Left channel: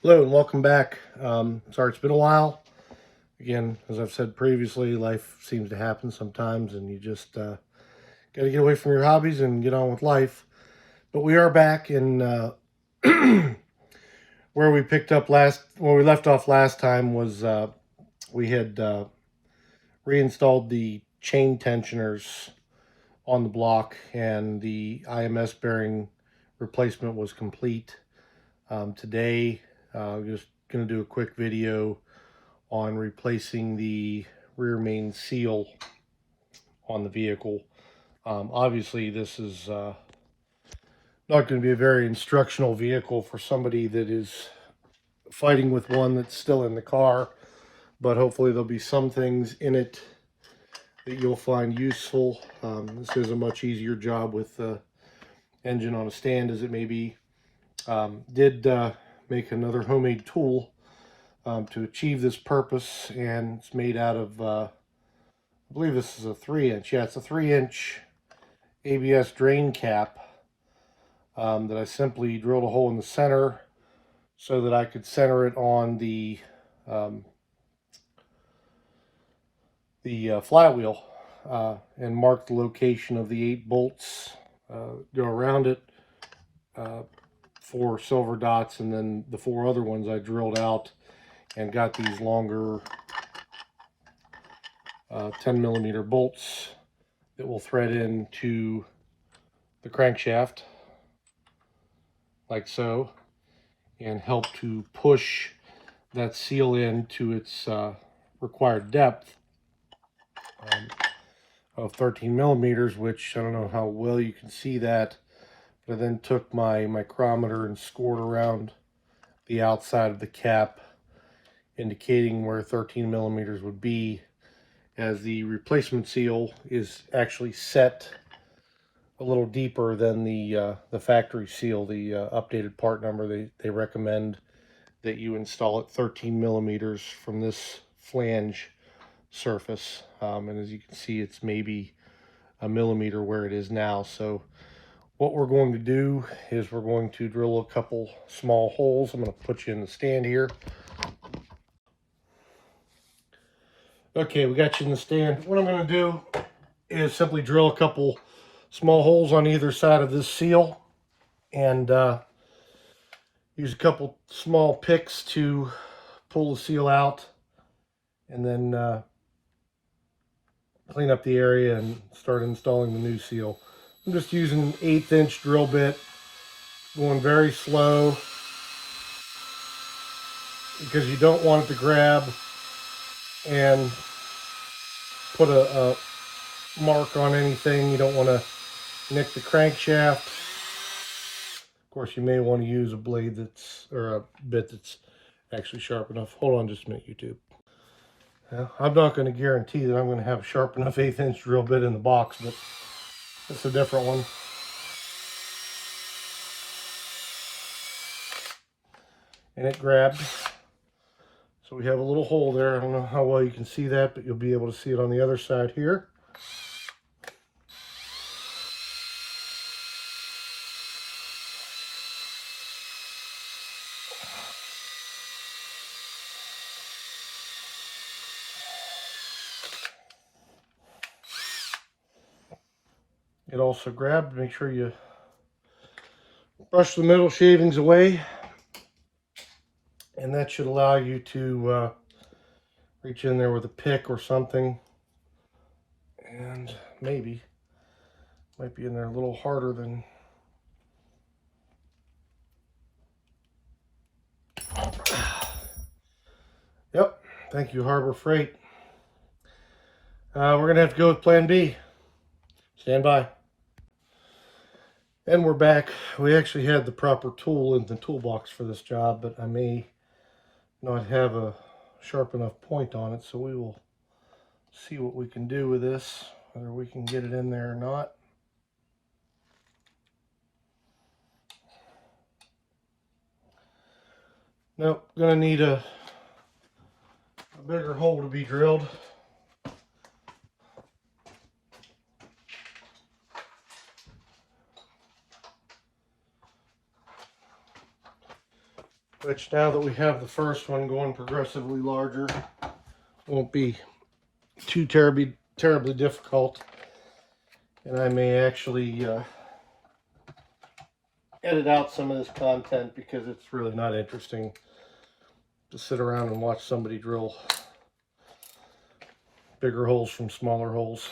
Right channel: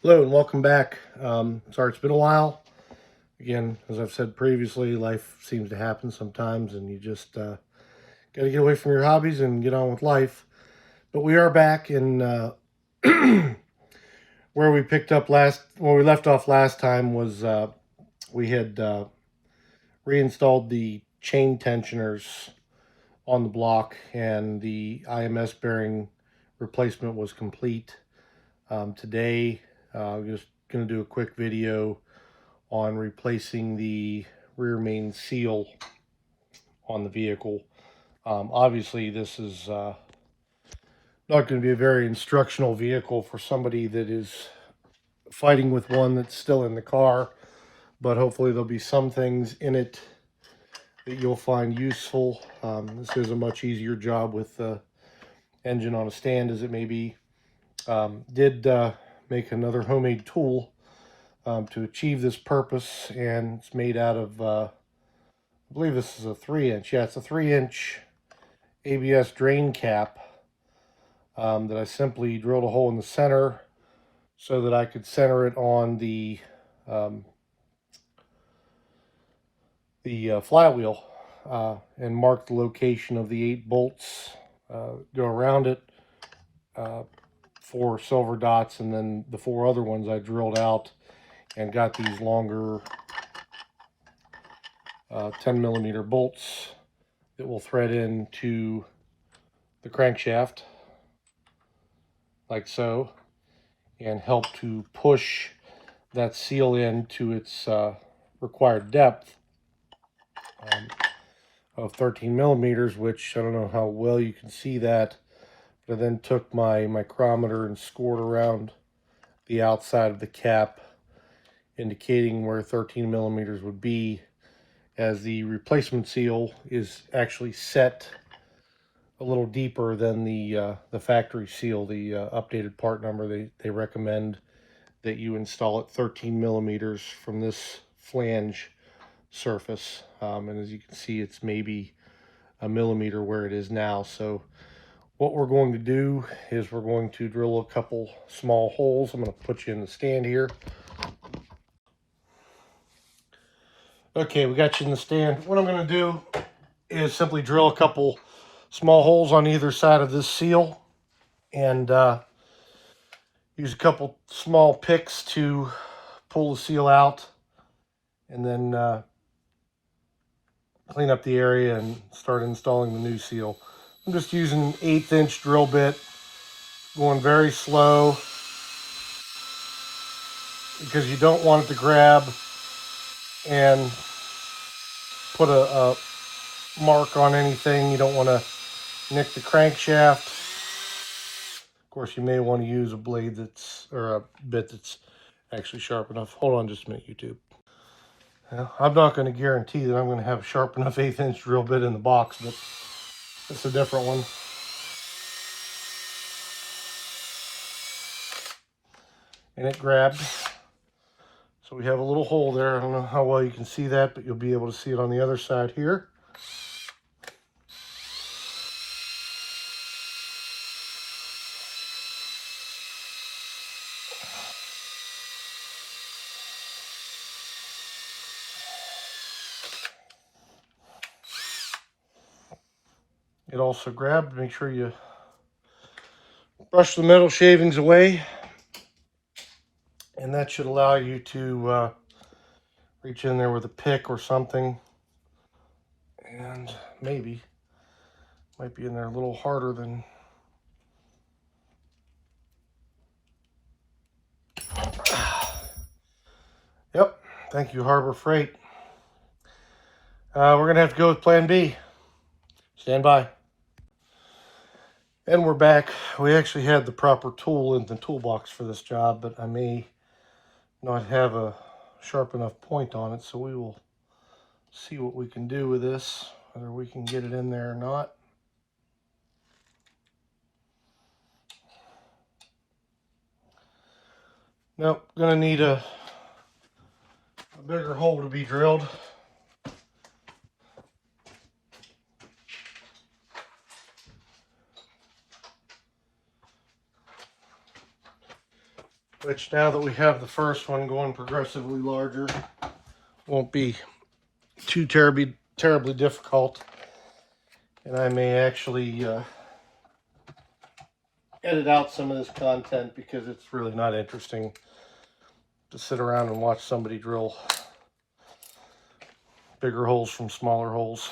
Hello and welcome back. Sorry it's been a while. Again, as I've said previously, life seems to happen sometimes and you just got to get away from your hobbies and get on with life. But we are back in where we picked up where we left off last time was we had reinstalled the chain tensioners on the block and the RMS bearing replacement was complete. Today, I'm just going to do a quick video on replacing the rear main seal on the vehicle. Obviously, this is not going to be a very instructional vehicle for somebody that is fighting with one that's still in the car, but hopefully there'll be some things in it that you'll find useful. This is a much easier job with the engine on a stand as it may be. Did make another homemade tool to achieve this purpose, and it's made out of I believe this is a 3-inch. Yeah, it's a 3-inch ABS drain cap that I simply drilled a hole in the center so that I could center it on the flywheel and mark the location of the 8 bolts. Go around it, 4 silver dots, and then the 4 other ones I drilled out and got these longer 10mm bolts that will thread into the crankshaft like so and help to push that seal in to its required depth of 13mm, which I don't know how well you can see that, but I then took my micrometer and scored around the outside of the cap, indicating where 13mm would be, as the replacement seal is actually set a little deeper than the factory seal. The updated part number, they recommend that you install it 13mm from this flange surface, and as you can see, it's maybe a millimeter where it is now. So what we're going to do is we're going to drill a couple small holes. I'm going to put you in the stand here. Okay, we got you in the stand. What I'm going to do is simply drill a couple small holes on either side of this seal and use a couple small picks to pull the seal out, and then clean up the area and start installing the new seal. I'm just using an 1/8-inch drill bit, going very slow because you don't want it to grab and put a mark on anything. You don't want to nick the crankshaft. Of course, you may want to use a blade or a bit that's actually sharp enough. Hold on just a minute, YouTube. I'm not going to guarantee that I'm going to have a sharp enough 1/8-inch drill bit in the box, but it's a different one. And it grabbed. So we have a little hole there. I don't know how well you can see that, but you'll be able to see it on the other side here. It also grabbed. Make sure you brush the metal shavings away, and that should allow you to reach in there with a pick or something, and maybe might be in there a little harder than Yep, thank you, Harbor Freight. We're gonna have to go with plan B. Stand by. And we're back. We actually had the proper tool in the toolbox for this job, but I may not have a sharp enough point on it, so we will see what we can do with this, whether we can get it in there or not. Nope, gonna need a bigger hole to be drilled. which now that we have the first one going progressively larger, won't be too terribly difficult. And I may actually edit out some of this content because it's really not interesting to sit around and watch somebody drill bigger holes from smaller holes.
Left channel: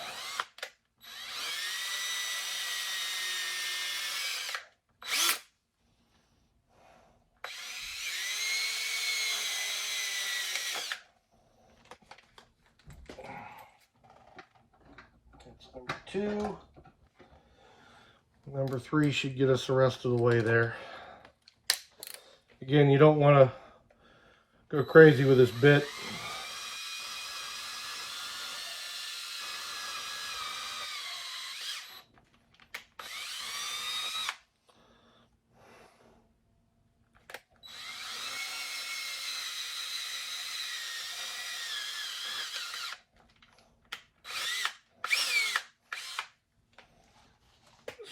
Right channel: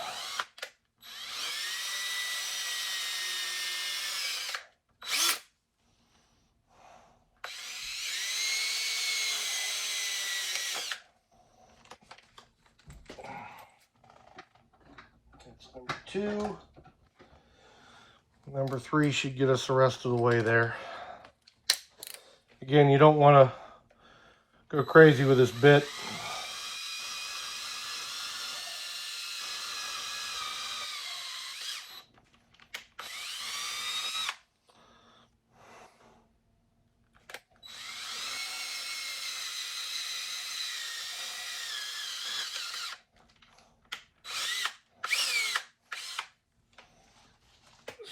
That's number 2. Number 3 should get us the rest of the way there. Again, you don't want to go crazy with this bit.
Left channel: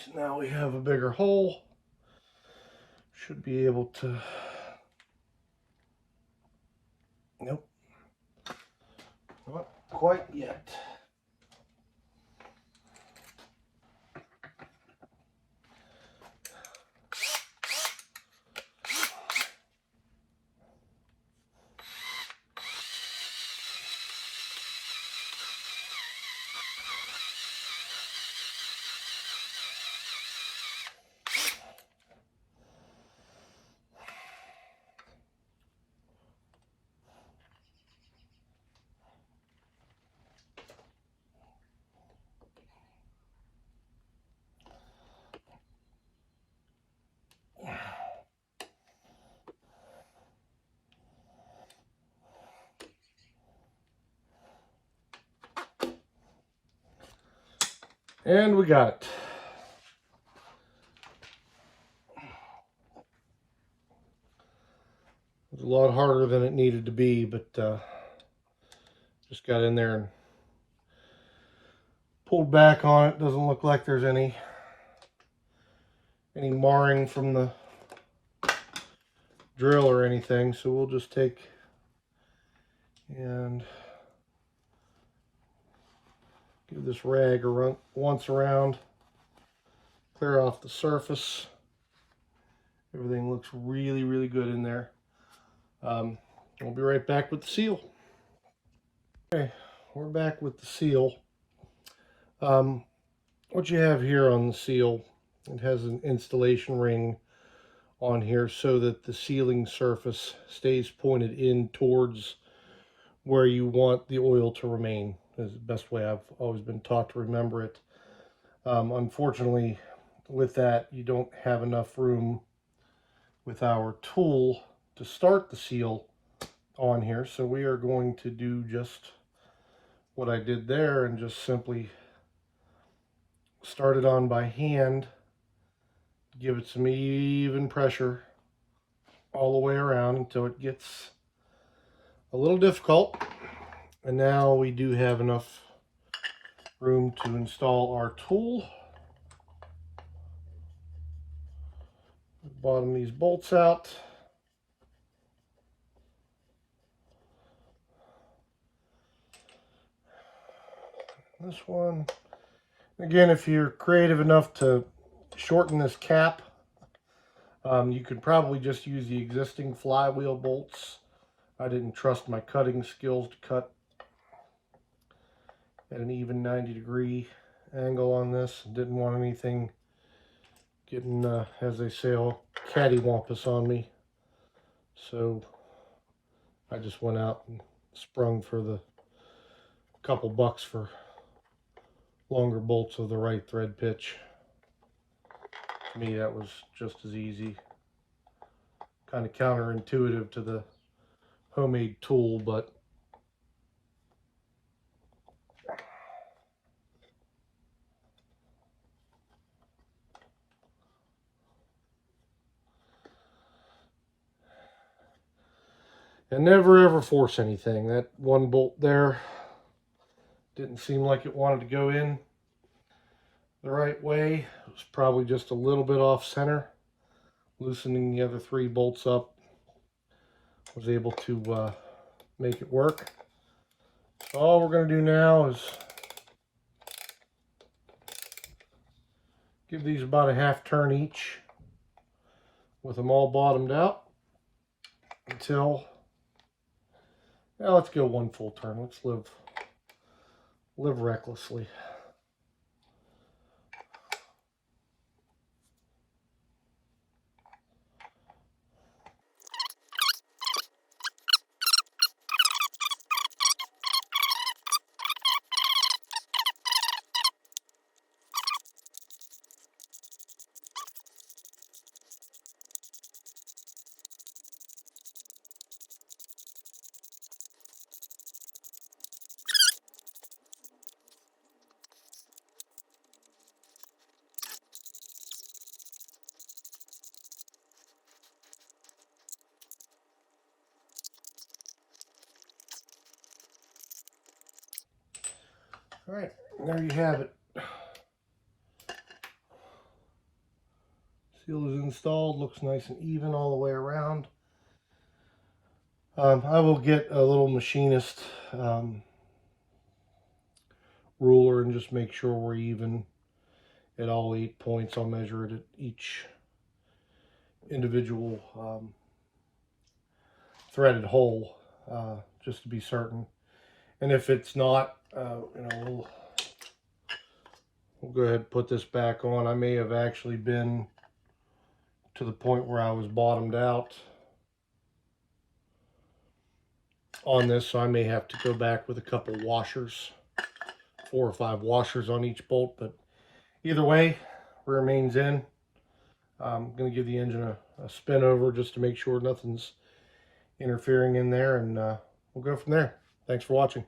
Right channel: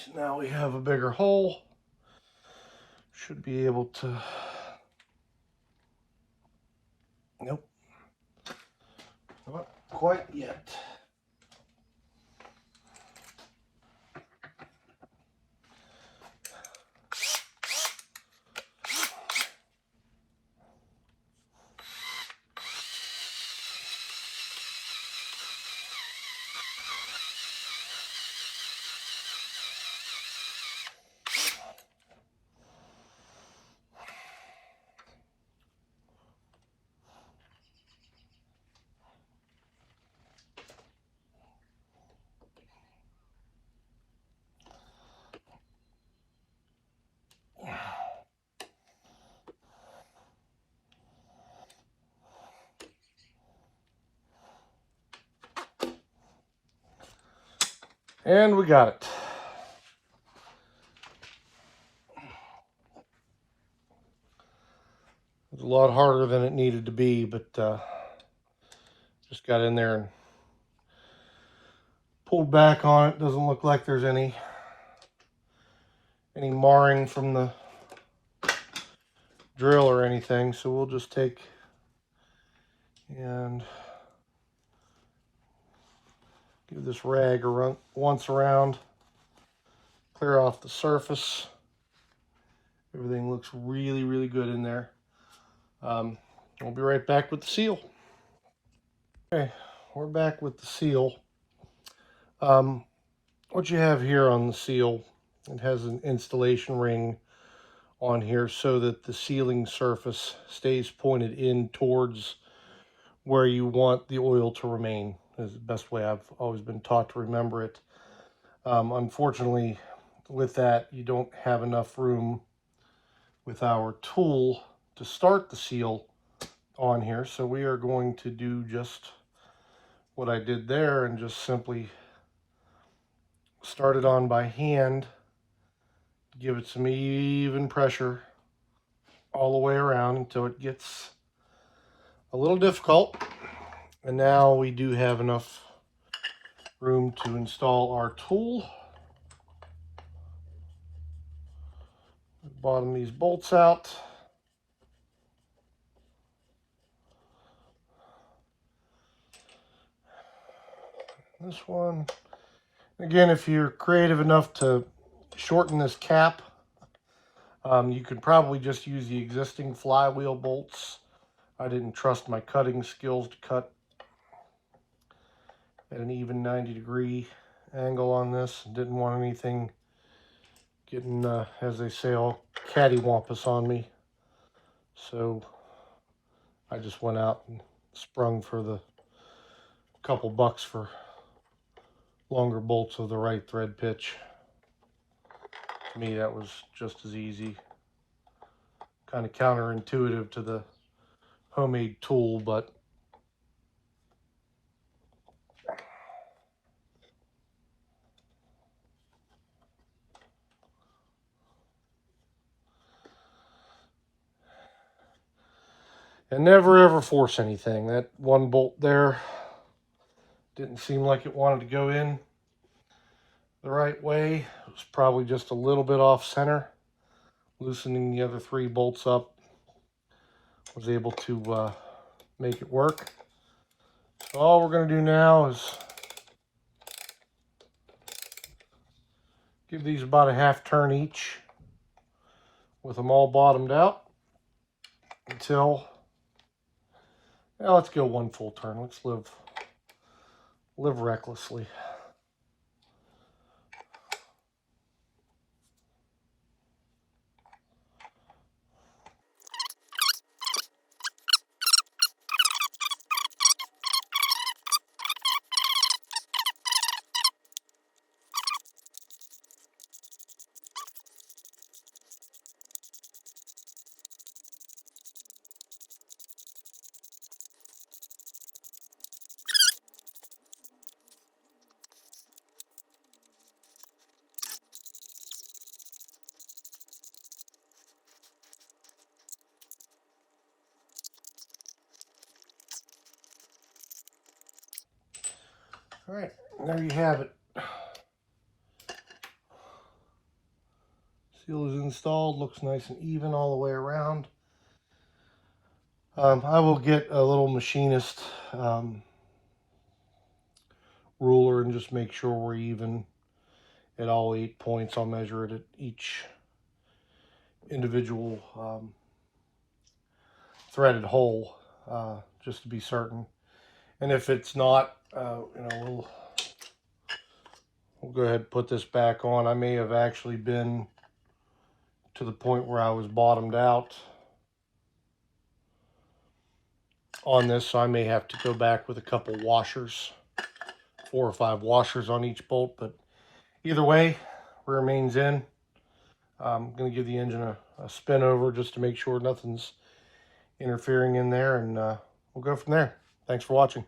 So now we have a bigger hole. Should be able to... Nope. Not quite yet. And we got it. It was a lot harder than it needed to be, but just got in there and pulled back on it. Doesn't look like there's any marring from the drill or anything, so we'll just take and give this rag a run once around, clear off the surface. Everything looks really good in there. I'll be right back with the seal. Okay, we're back with the seal. What you have here on the seal, it has an installation ring on here so that the sealing surface stays pointed in towards where you want the oil to remain. Is the best way I've always been taught to remember it. Unfortunately, with that, you don't have enough room with our tool to start the seal on here, so we are going to do just what I did there and just simply start it on by hand, give it some even pressure all the way around until it gets a little difficult. And now we do have enough room to install our tool. Bottom these bolts out. This one, again, if you're creative enough to shorten this cap, you could probably just use the existing flywheel bolts. I didn't trust my cutting skills to cut at an even 90-degree angle on this. Didn't want anything getting, as they say, all cattywampus on me. So I just went out and sprung for the couple bucks for longer bolts of the right thread pitch. To me, that was just as easy. Kind of counterintuitive to the homemade tool, but and never ever force anything. That one bolt there didn't seem like it wanted to go in the right way. It was probably just a little bit off center. Loosening the other 3 bolts up was able to make it work. So all we're going to do now is give these about a half turn each with them all bottomed out until, well, let's go one full turn. Let's live recklessly. All right, there you have it. Seal is installed, looks nice and even all the way around. I will get a little machinist ruler and just make sure we're even at all 8 points. I'll measure it at each individual threaded hole just to be certain. And if it's not, we'll go ahead and put this back on. I may have actually been to the point where I was bottomed out on this, so I may have to go back with a couple washers, 4 or 5 washers on each bolt. But either way, rear main's in. I'm going to give the engine a spin over just to make sure nothing's interfering in there, and we'll go from there. Thanks for watching.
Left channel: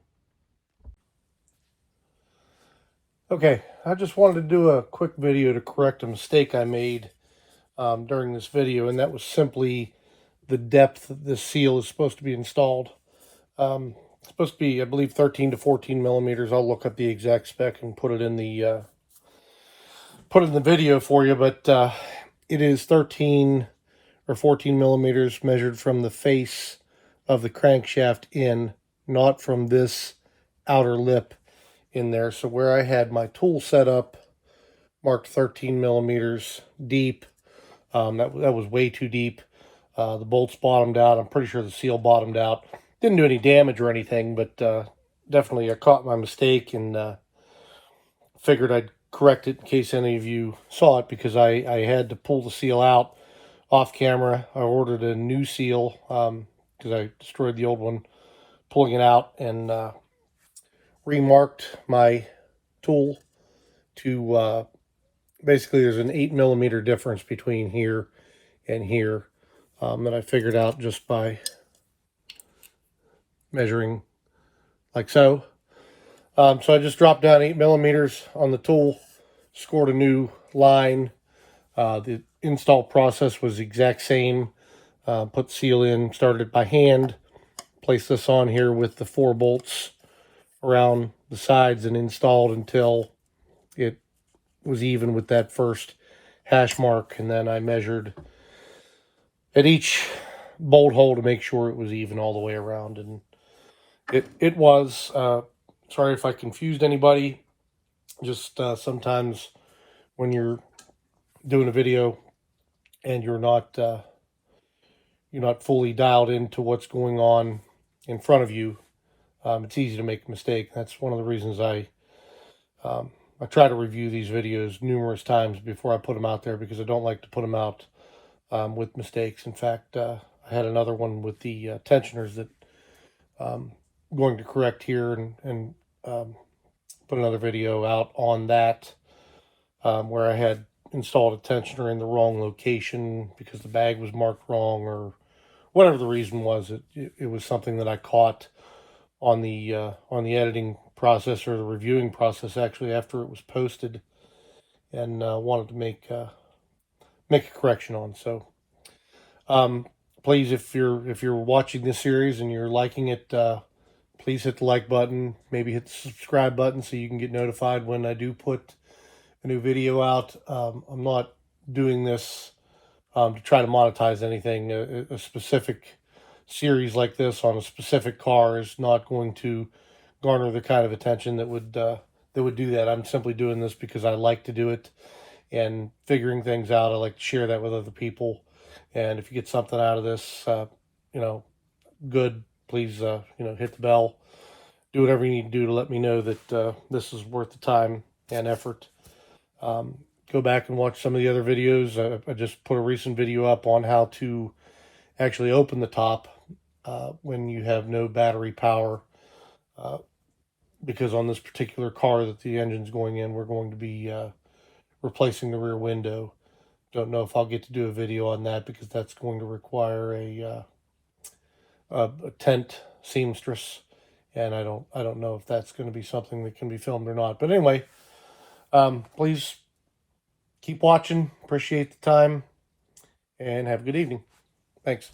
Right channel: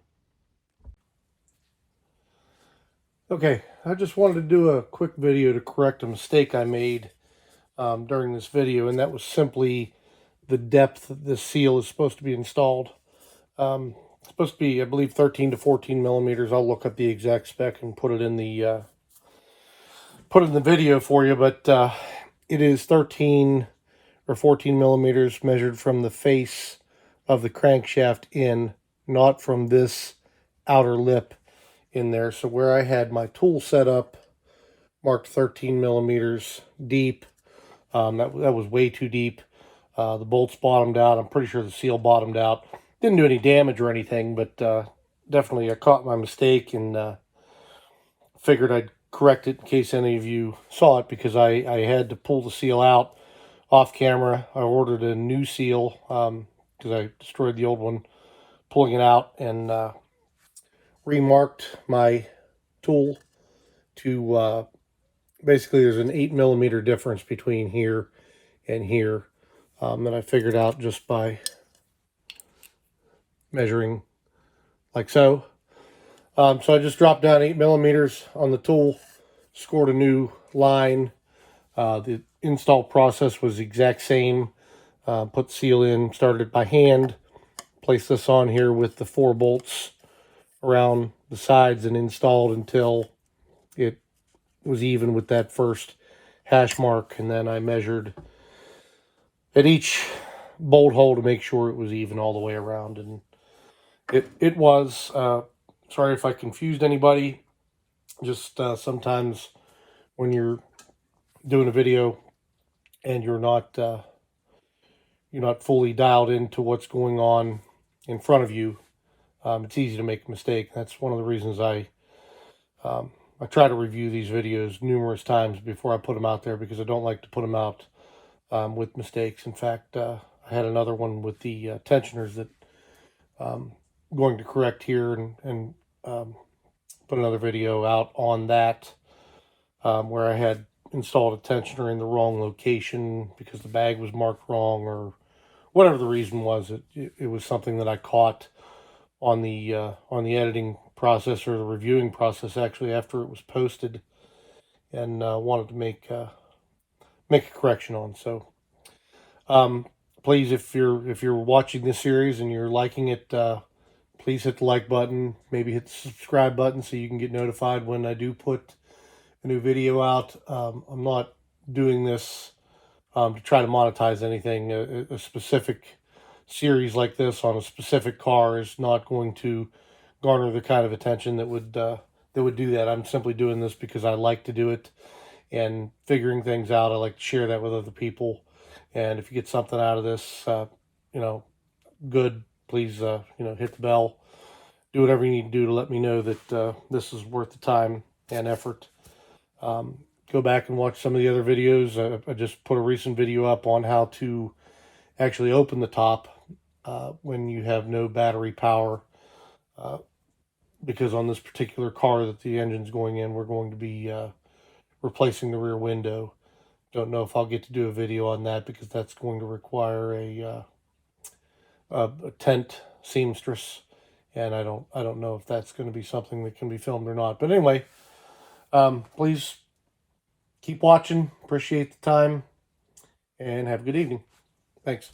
Okay, I just wanted to do a quick video to correct a mistake I made during this video, and that was simply the depth this seal is supposed to be installed. It's supposed to be, I believe, 13 to 14 millimeters. I'll look up the exact spec and put it in the video for you, but it is 13 or 14 millimeters measured from the face of the crankshaft in, not from this outer lip in there. So where I had my tool set up marked 13 millimeters deep, that was way too deep. The bolts bottomed out. I'm pretty sure the seal bottomed out. Didn't do any damage or anything, but definitely I caught my mistake and figured I'd correct it in case any of you saw it, because I had to pull the seal out off camera. I ordered a new seal because I destroyed the old one pulling it out, and remarked my tool to basically there's an 8 millimeter difference between here and here that I figured out just by measuring like so. So I just dropped down 8 millimeters on the tool, scored a new line. The install process was the exact same. Put the seal in, started it by hand, placed this on here with the 4 bolts around the sides, and installed until it was even with that first hash mark. And then I measured at each bolt hole to make sure it was even all the way around, and it was. Sorry if I confused anybody. Just sometimes when you're doing a video and you're not fully dialed into what's going on in front of you, it's easy to make a mistake. That's one of the reasons I try to review these videos numerous times before I put them out there, because I don't like to put them out with mistakes. In fact, I had another one with the tensioners that I'm going to correct here and put another video out on that, where I had installed a tensioner in the wrong location because the bag was marked wrong, or whatever the reason was. It was something that I caught on the editing process, or the reviewing process actually, after it was posted, and wanted to make a correction on. So please, if you're watching this series and you're liking it, please hit the like button, maybe hit the subscribe button so you can get notified when I do put a new video out. I'm not doing this to try to monetize anything. A specific series like this on a specific car is not going to garner the kind of attention that would do that. I'm simply doing this because I like to do it and figuring things out. I like to share that with other people. And if you get something out of this, you know, good, please, you know, hit the bell. Do whatever you need to do to let me know that this is worth the time and effort. Go back and watch some of the other videos. I just put a recent video up on how to actually open the top when you have no battery power, because on this particular car that the engine's going in, we're going to be replacing the rear window. Don't know if I'll get to do a video on that because that's going to require a tent seamstress, and I don't know if that's going to be something that can be filmed or not. But anyway, please keep watching. Appreciate the time, and have a good evening. Thanks.